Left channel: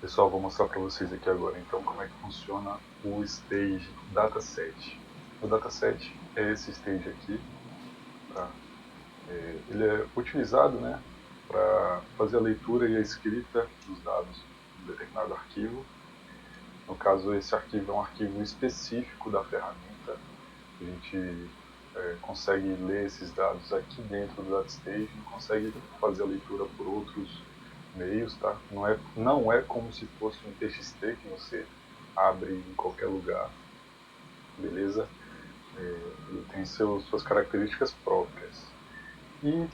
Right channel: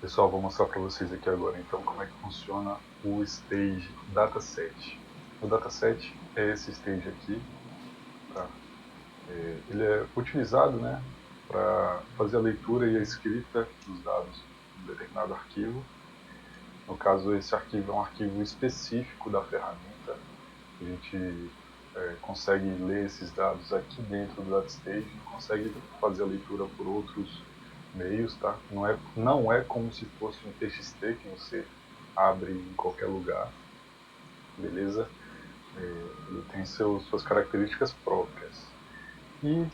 Pessoal, vou mostrar para vocês aqui agora então como é que funciona o stage dataset. O dataset é esse stage aqui, tá? Ele é utilizado, né, para fazer a leitura e a escrita dos dados de um determinado arquivo. No caso, esse arquivo é um arquivo específico da ferramenta. A gente consegue ler esses dados aqui dentro do DataStage, consegue fazer a leitura por outros meios, tá? Não é como se fosse um TXT que você abre em qualquer lugar, beleza? Ele tem suas características próprias. E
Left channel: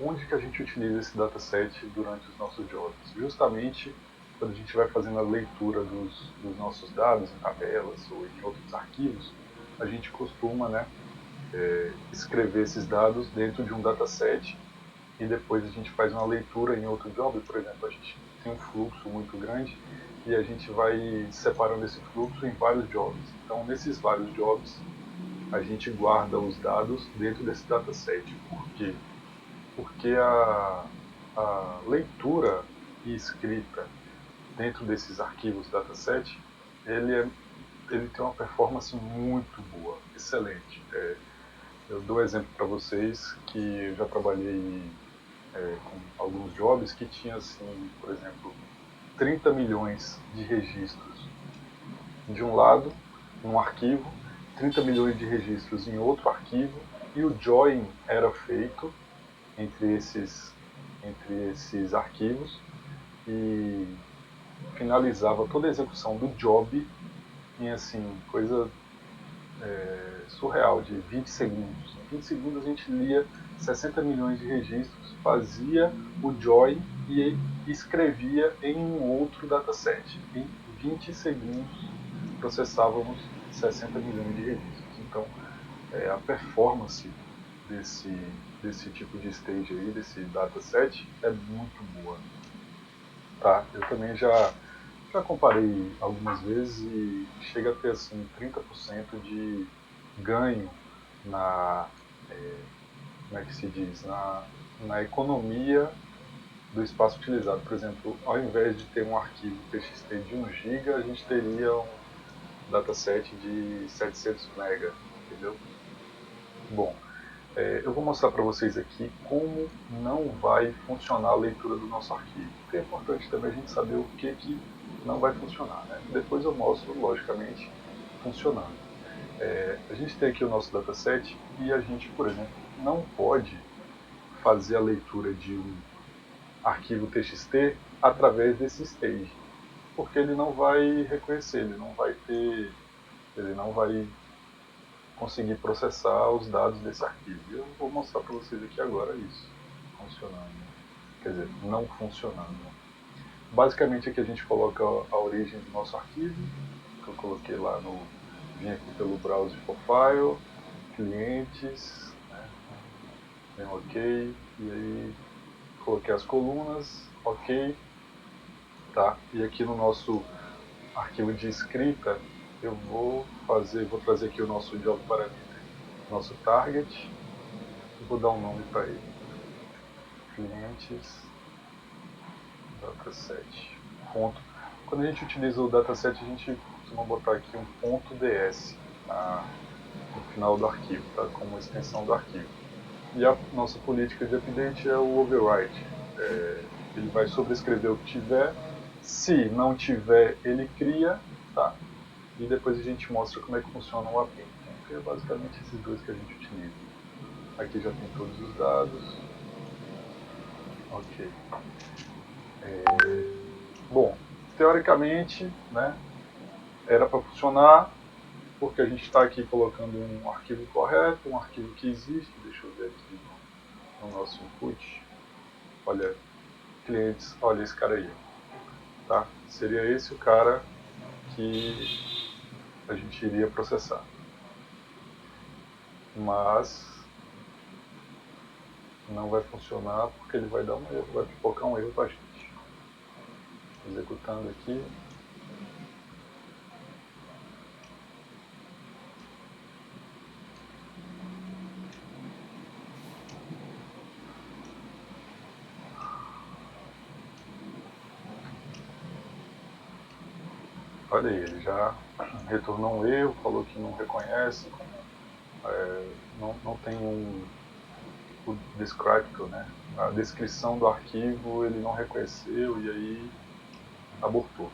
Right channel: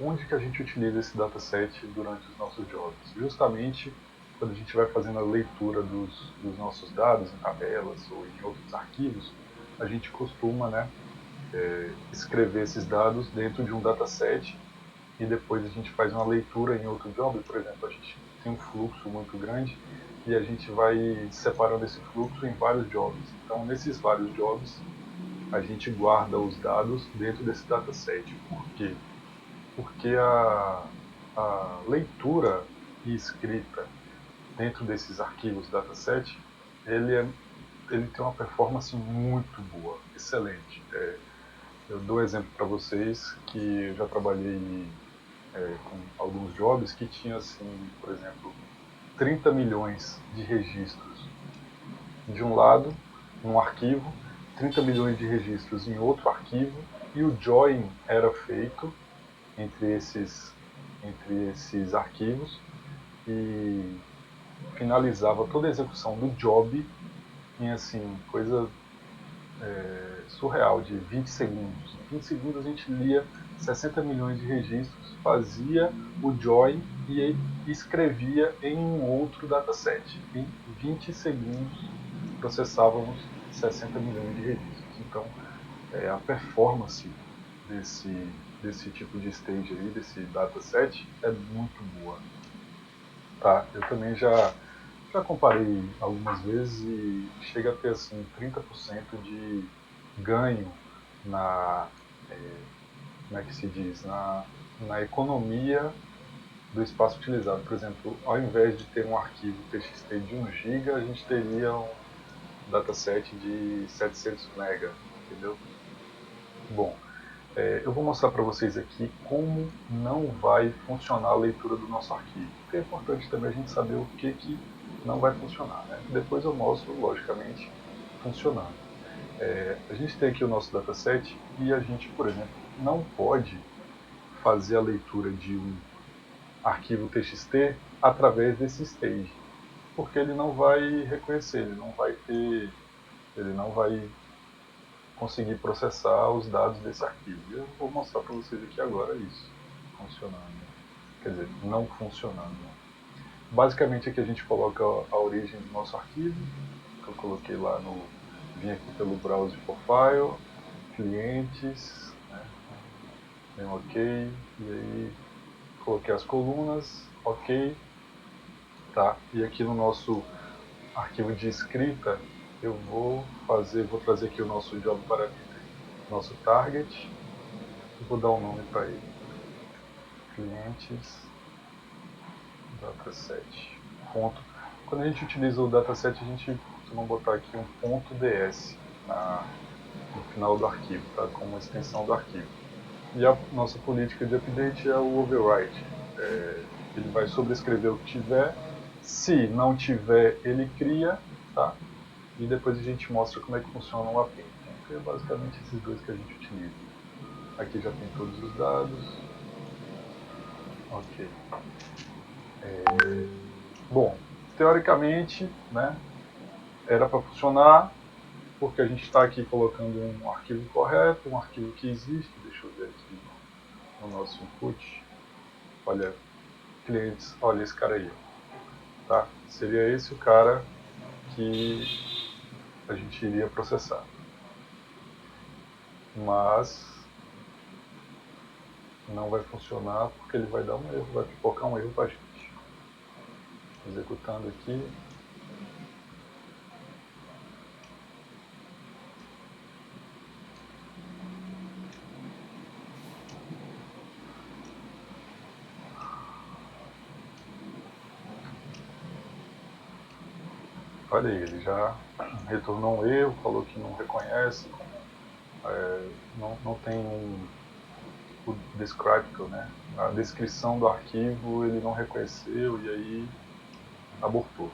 onde que a gente utiliza esse dataset durante os nossos jobs? Justamente quando a gente vai fazendo a leitura dos nossos dados em tabelas ou em outros arquivos, a gente costuma, né, escrever esses dados dentro de um dataset e depois a gente faz uma leitura em outro job. Por exemplo, a gente tem um fluxo muito grande e a gente vai separando esse fluxo em vários jobs. Então, nesses vários jobs, a gente guarda os dados dentro desse dataset. Por quê? Porque a leitura e escrita dentro desses arquivos dataset, ele, é, ele tem uma performance muito boa, excelente. Eu dou um exemplo para vocês que eu já trabalhei com alguns jobs que tinha, assim, por exemplo, 30 milhões de registros de um lado, num arquivo, 30 milhões de registros em outro arquivo, e o join era feito entre esses arquivos e finalizava toda a execução do job em, assim, coisa surreal, de 20 segundos. Em 20 segundos a gente lia 60 milhões de registros, fazia o join e escrevia em um outro dataset. Em 20 segundos processávamos 60 milhões de registros. Então, a performance desse tipo de stage aí, desse dataset, é muito boa. Tá? Eu também já comparei algumas vezes e chega a ter assim 30% de ganho na, como é que se diz, na economia do espaço utilizado. Por exemplo, ao invés de ter um arquivo TXT de 1 GB, a gente teria um dataset de 700 MB, entendeu? Bom, eu vou mostrar para vocês aqui como não vai funcionar a leitura do nosso arquivo. Porque é importante também a gente saber o que não vai funcionar, né? Depois eu mostro, logicamente, funcionando. A gente tem aqui o nosso dataset e a gente, por exemplo, não pode fazer a leitura de um arquivo TXT através desse stage, porque ele não vai reconhecer, ele não vai conseguir processar os dados desse arquivo. E eu vou mostrar para vocês aqui agora isso funcionando, né? Quer dizer, não funcionando, né? Basicamente aqui a gente coloca a origem do nosso arquivo, que eu coloquei lá no, vim aqui pelo browser for file, clientes, né? Dei um OK, e aí coloquei as colunas, OK, tá? E aqui no nosso arquivo de escrita, vou trazer aqui o nosso job parameter, nosso target, e vou dar um nome para ele, clientes dataset. Ponto. Quando a gente utiliza o dataset, a gente costuma botar aqui um ponto .ds no final do arquivo, tá? Como extensão do arquivo. E a nossa política de update é o override. Ele vai sobrescrever o que tiver. Se não tiver, ele cria, tá? E depois a gente mostra como é que funciona o append. Então é basicamente esses dois que a gente utiliza. Aqui já tem todos os dados. Ok. Bom, teoricamente, né, era para funcionar, porque a gente está aqui colocando um arquivo correto, um arquivo que existe. Deixa eu ver aqui no nosso input. Olha, clientes, olha esse cara aí. Tá? Seria esse o cara que a gente iria processar. Mas não vai funcionar porque ele vai dar um erro, vai pipocar um erro para a gente. Executando aqui. Olha aí, ele já retornou um erro, falou que não reconhece, não tem o descriptor, né? A descrição do arquivo ele não reconheceu e aí abortou.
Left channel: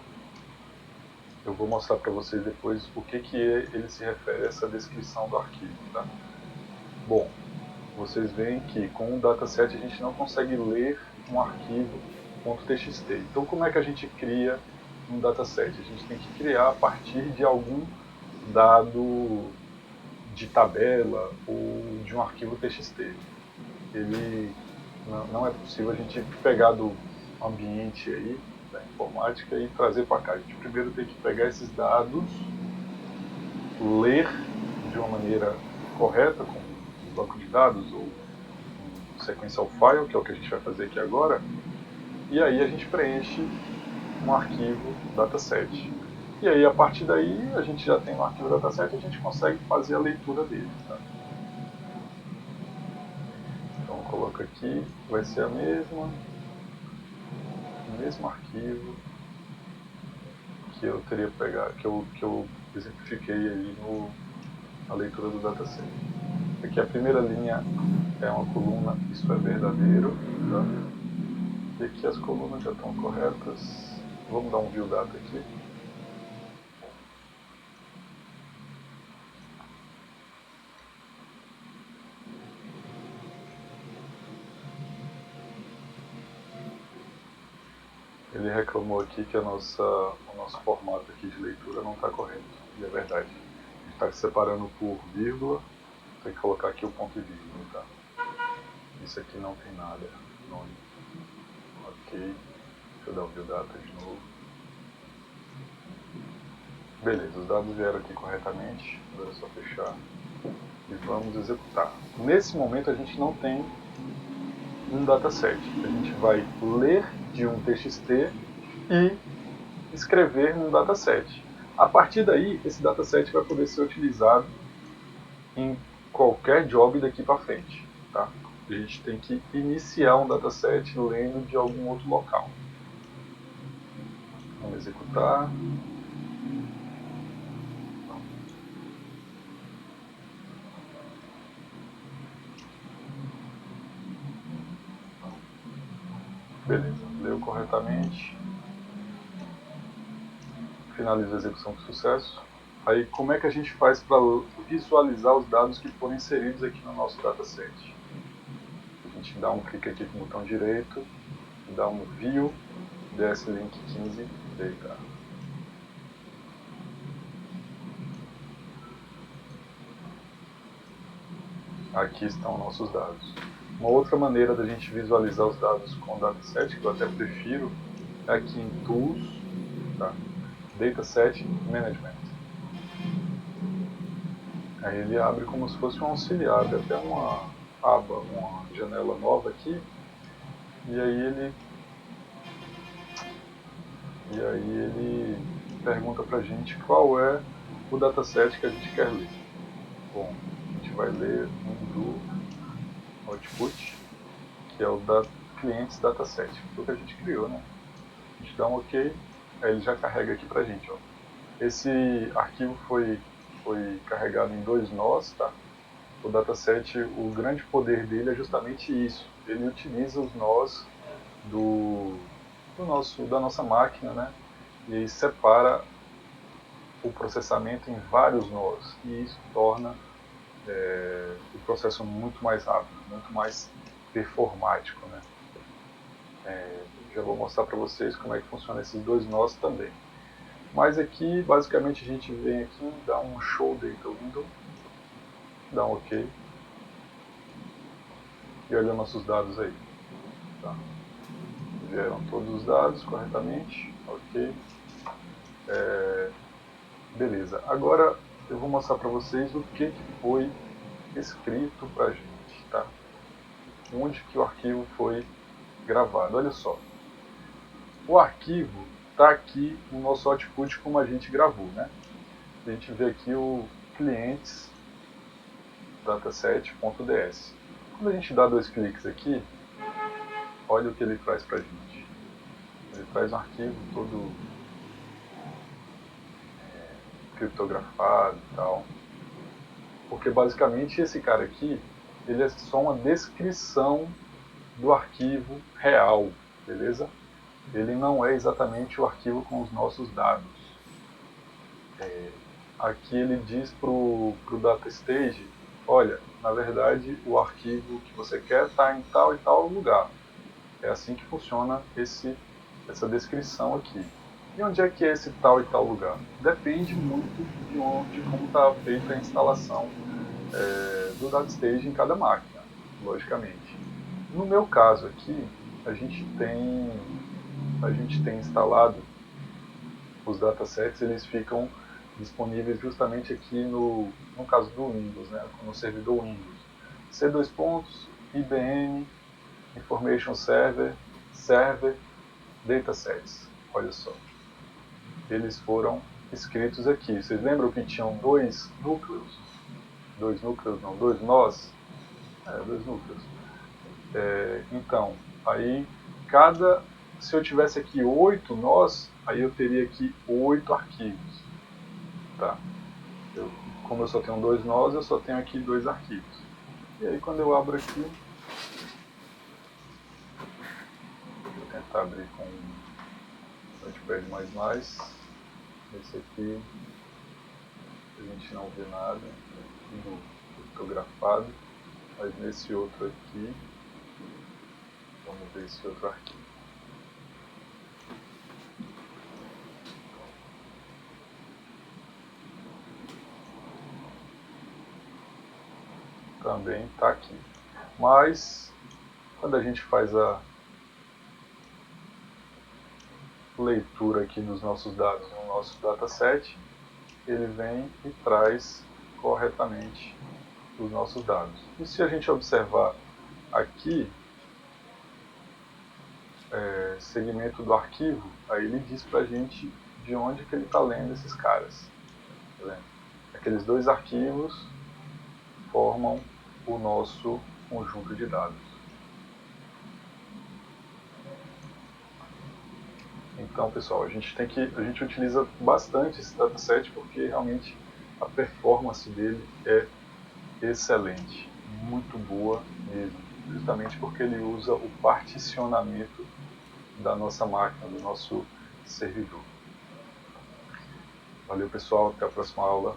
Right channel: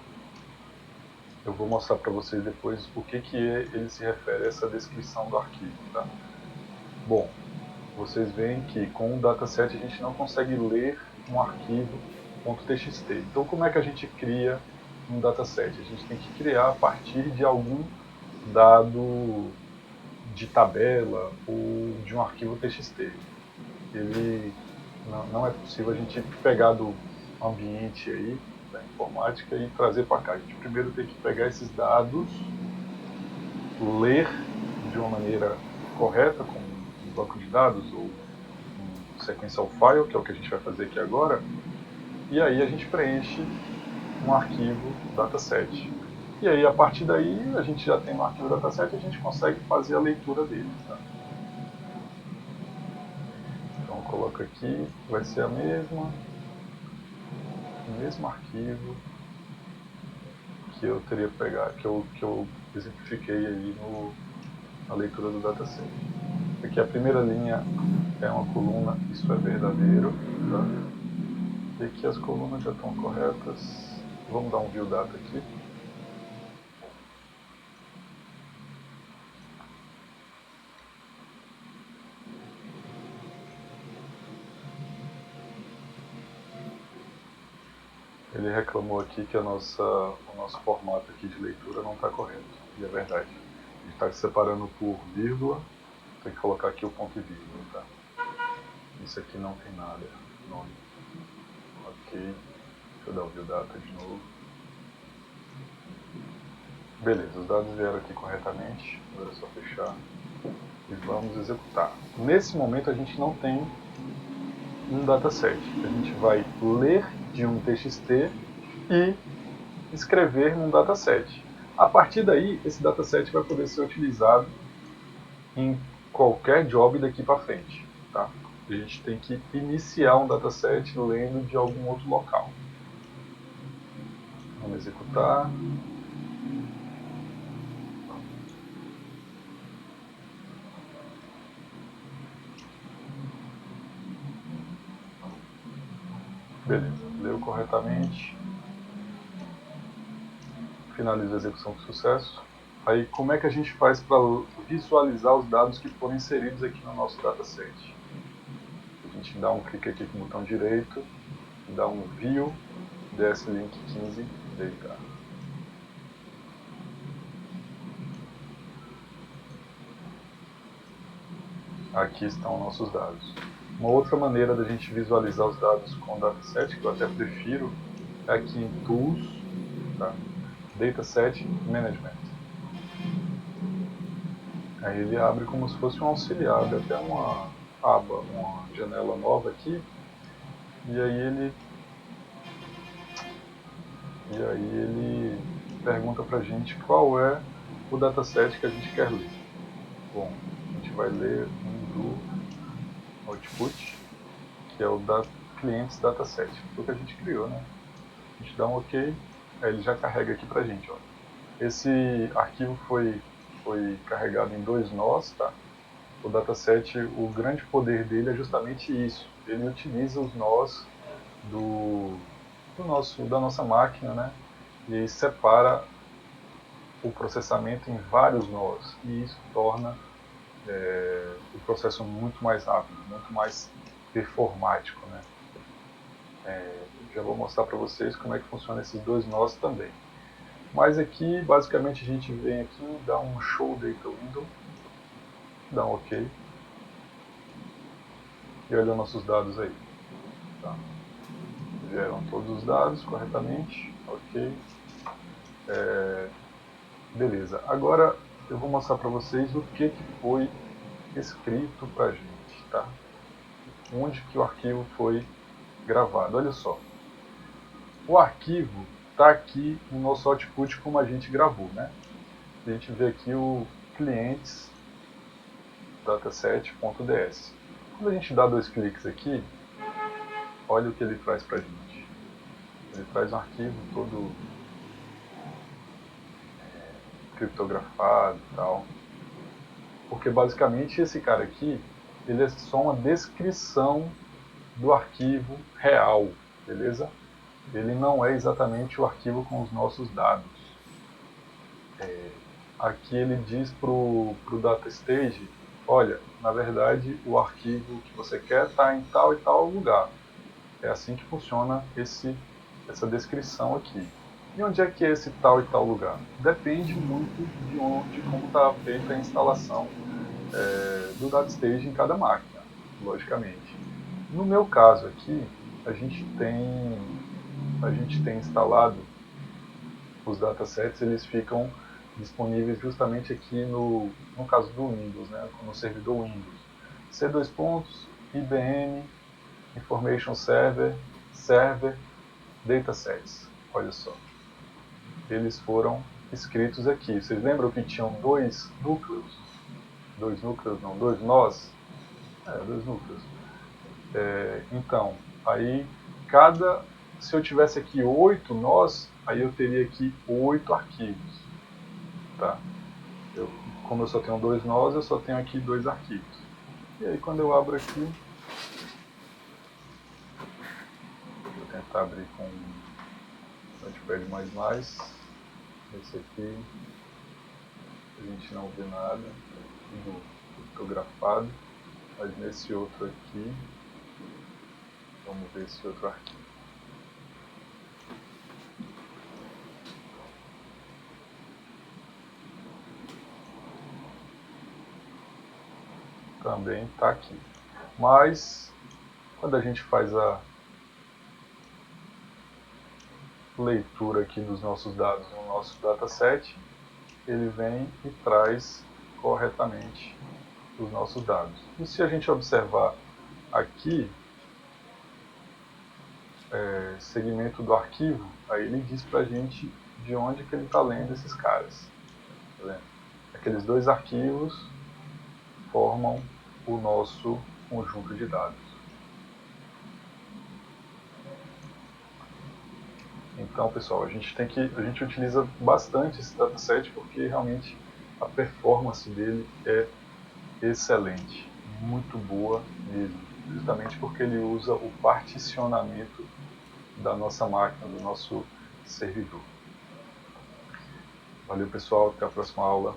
Eu vou mostrar para vocês depois o que ele se refere a essa descrição do arquivo. Tá? Bom, vocês veem que com o dataset a gente não consegue ler um arquivo .txt. Então como é que a gente cria um dataset? A gente tem que criar a partir de algum dado de tabela ou de um arquivo TXT. Ele não é possível a gente pegar do ambiente aí da informática e trazer para cá. A gente primeiro tem que pegar esses dados, ler de uma maneira correta, com um bloco de dados ou um sequential file, que é o que a gente vai fazer aqui agora, e aí a gente preenche um arquivo dataset. E aí, a partir daí, a gente já tem um arquivo dataset e a gente consegue fazer a leitura dele. Tá? Então, coloco aqui, vai ser o mesmo arquivo que eu teria pegado, que eu exemplifiquei aí na leitura do dataset. Aqui a primeira linha é uma coluna, isso é verdadeiro. Tá? E aqui as colunas já estão corretas. Vamos dar um view data aqui. Ele reclamou aqui que o nosso formato aqui de leitura não está correto. E é verdade. Ele está separando por vírgula. Tem que colocar aqui o ponto e vírgula. Tá? Isso aqui não tem nada. Não. Ok. Deixa eu dar o view data de novo. Beleza, os dados vieram aqui corretamente. Agora é só fechar. E vamos executar. Nesse momento a gente não tem um dataset. A gente vai ler de um TXT e escrever num dataset. A partir daí, esse dataset vai poder ser utilizado em qualquer job daqui para frente. Tá? A gente tem que iniciar um dataset lendo de algum outro local. Vamos executar. Beleza, leu corretamente. Finaliza a execução com sucesso. Aí, como é que a gente faz para visualizar os dados que foram inseridos aqui no nosso dataset? A gente dá um clique aqui com o botão direito, dá um View, desce link 15, data. Aqui estão nossos dados. Uma outra maneira da gente visualizar os dados com o dataset, que eu até prefiro, é aqui em Tools, tá? Dataset Management. Aí ele abre como se fosse um auxiliar, até uma aba, uma janela nova aqui, e aí ele pergunta pra gente qual é o dataset que a gente quer ler. Bom, a gente vai ler um do output, que é o da clientes dataset, foi o que a gente criou, né? A gente dá um OK, aí ele já carrega aqui pra gente, ó. Esse arquivo foi carregado em 2 nós, tá? O dataset, o grande poder dele é justamente isso. Ele utiliza os nós da nossa máquina, né? E aí separa o processamento em vários nós. E isso torna o processo muito mais rápido, muito mais performático, né? Já vou mostrar para vocês como é que funciona esses 2 nós também. Mas aqui, basicamente, a gente vem aqui, dá um Show Data Window, dá um OK. E olha nossos dados aí. Tá? Vieram todos os dados corretamente. OK. Beleza. Agora eu vou mostrar para vocês o que foi escrito para a gente. Tá? Onde que o arquivo foi gravado. Olha só. O arquivo está aqui no nosso output como a gente gravou. Né? A gente vê aqui o clientes dataset.ds. Quando a gente dá 2 cliques aqui, olha o que ele traz para a gente. Ele traz um arquivo todo criptografado e tal. Porque basicamente esse cara aqui, ele é só uma descrição do arquivo real, beleza? Ele não é exatamente o arquivo com os nossos dados. Aqui ele diz para o DataStage, olha, na verdade o arquivo que você quer está em tal e tal lugar. É assim que funciona essa descrição aqui. E onde é que é esse tal e tal lugar? Depende muito de como está feita a instalação do DataStage em cada máquina, logicamente. No meu caso aqui, a gente tem instalado os datasets, eles ficam disponíveis justamente aqui no caso do Windows, né, no servidor Windows. C2 pontos, IBM, Information Server, Server, Datasets. Olha só. Eles foram escritos aqui. Vocês lembram que tinham dois núcleos? Dois núcleos não, dois nós? Dois núcleos. Então, aí se eu tivesse aqui 8 nós, aí eu teria aqui 8 arquivos. Tá? Como eu só tenho dois nós, eu só tenho aqui 2 arquivos. E aí quando eu abro aqui, vou tentar abrir com Notepad++, esse aqui a gente não vê nada do criptografado, mas nesse outro aqui, vamos ver esse outro arquivo. Também está aqui. Mas, quando a gente faz a leitura aqui dos nossos dados no nosso dataset, ele vem e traz corretamente os nossos dados. E se a gente observar aqui, segmento do arquivo, aí ele diz para a gente de onde que ele está lendo esses caras. Tá vendo? Aqueles dois arquivos formam o nosso conjunto de dados. Então, pessoal, a gente utiliza bastante esse dataset porque realmente a performance dele é excelente, muito boa mesmo, justamente porque ele usa o particionamento da nossa máquina, do nosso servidor. Valeu, pessoal, até a próxima aula.